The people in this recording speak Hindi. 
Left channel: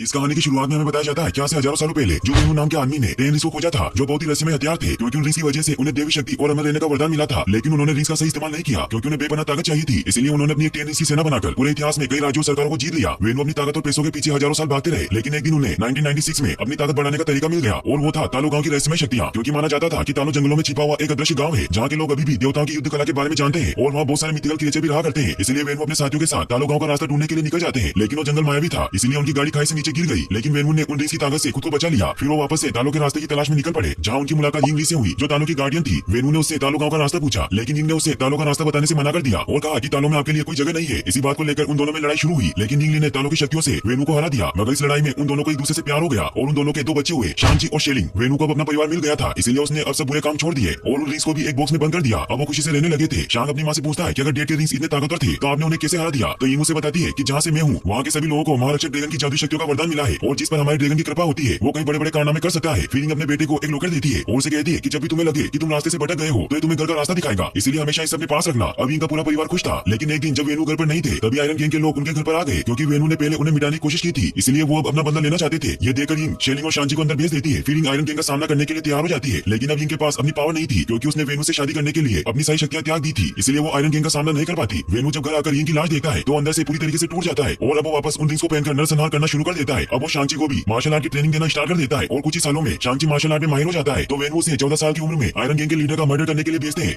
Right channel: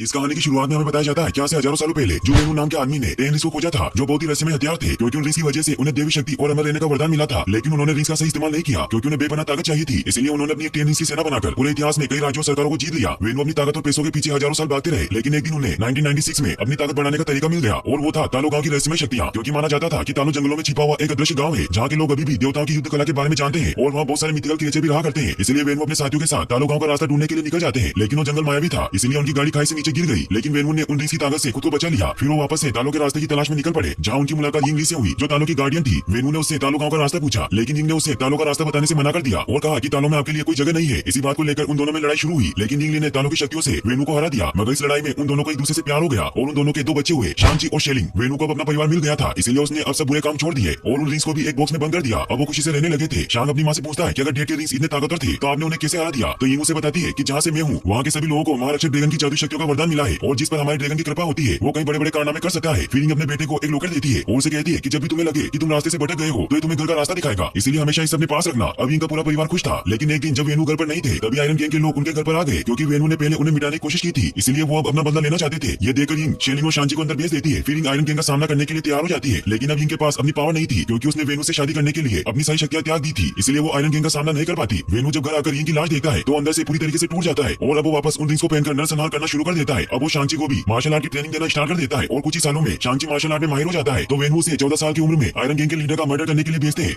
इस कहानी की शुरुआत में हमें बताया जाता है क्या से हजारों सालों पहले जो वेणु नाम के आदमी ने टेन रिंग्स को खोजा था, जो बहुत ही रहस्यमय हथियार थे, क्योंकि उन रिंग्स की वजह से उन्हें देवी शक्ति और अमर रहने का वरदान मिला था। लेकिन उन्होंने रिंग्स का सही इस्तेमाल नहीं किया क्योंकि उन्हें बेपनाह ताकत चाहिए थी। इसलिए उन्होंने अपनी एक टेन रिंग्स की सेना बनाकर पूरे इतिहास में कई राज्यों और सरकारों को जीत लिया। वेणु अपनी ताकत और पैसों के पीछे हजारों साल भागते रहे, लेकिन एक दिन उन्हें 1996 में अपनी ताकत बढ़ाने का तरीका मिल गया, और वो था तालु गांव की रहस्यमय शक्तियां। क्योंकि माना जाता था कि तालु जंगलों में छिपा हुआ एक अदृश्य गांव है जहाँ के लोग अभी भी देवताओं की युद्ध कला के बारे में जानते हैं, और वहाँ बहुत सारे मिथिकल क्रिएचर भी रहा करते हैं। इसलिए वेणु अपने साथियों के साथ तालु गांव का रास्ता ढूंढने के लिए निकल जाते हैं, लेकिन वो जंगल मायावी था, इसलिए उनकी गाड़ी खाई से नीचे गिर गई। लेकिन वेणु ने उन रिंग्स की ताकत से खुद को बचा लिया। फिर वो वापस से तालु के रास्ते की तलाश में निकल पड़े, जहाँ उनकी मुलाकात यिंगली से हुई, जो तालु की गार्डियन थी। वेणु ने उससे तालु गांव का रास्ता पूछा, लेकिन यिंग ने उसे तालु का रास्ता बताने से मना कर दिया और कहा कि तालु में आपके लिए कोई जगह नहीं है। इसी बात को लेकर उन दोनों में लड़ाई शुरू हुई, लेकिन यिंगली ने तालु की शक्तियों से वेणु को हरा दिया। मगर इस लड़ाई में उन दोनों को एक दूसरे से प्यार हो गया और उन दोनों के दो बच्चे हुए, शांची और शेलिंग। वेणु को अब अपना परिवार मिल गया था, इसलिए उसने अब सब बुरे काम छोड़ दिए और उन रिंग्स को भी एक बॉक्स में बंद कर दिया। अब वो खुशी से रहने लगे थे। शांग अपनी माँ से पूछता है कि अगर डेट के रिंग्स इतने ताकतवर थे तो आपने उन्हें कैसे हरा दिया। तो यिंग उसे बताती है कि जहाँ से मैं हूँ वहाँ के सभी लोगों को महारक्षक ड्रैगन की जादुई शक्तियों का वरदान मिला है, और जिस पर हमारे ड्रैगन की कृपा होती है वो कई बड़े बड़े कारनामे कर सकता है। फिर यिंग अपने बेटे को एक लोकर देती है और उसे कहती है कि जब भी तुम्हें लगे कि तुम रास्ते से भटक गए हो तो ये तुम्हें घर का रास्ता दिखाएगा, इसलिए हमेशा इसे अपने पास रखना। अब इनका पूरा परिवार खुश था, लेकिन एक दिन जब वेणु घर पर नहीं थे तभी आयरन गैंग के लोग उनके घर पर आ गए, क्योंकि वेणु ने पहले उन्हें मिटाने की कोशिश की थी, इसलिए वो अब अपना बदला लेना चाहते थे। ये देखकर यिंग शेलिंग और शांची को अंदर भेज देती है। फिर यिंग आयरन गैंग का सामना करने के लिए तैयार हो जाती है, लेकिन अब यिंग के पास अपनी पावर नहीं थी, क्योंकि उसने वेणु से शादी करने के लिए अपनी सारी शक्तियां त्याग दी थी, इसलिए वो आयरन गैंग का सामना नहीं कर पाती। वेणु जब घर आकर यिंग की लाश देखता है तो अंदर से पूरी तरीके से टूट जाता है, और अब वो वापस उन रिंग्स को पहनकर नरसंहार करना शुरू कर देता है। अब वो शांची को भी मार्शल आर्ट की ट्रेनिंग देना स्टार्ट कर देता है, और कुछ ही सालों में शांची मार्शल आर्ट में माहिर हो जाता है। तो वेणु उसे 14 साल की उम्र में आयरन गैंग के लीडर का मर्डर करने के लिए भेजते हैं।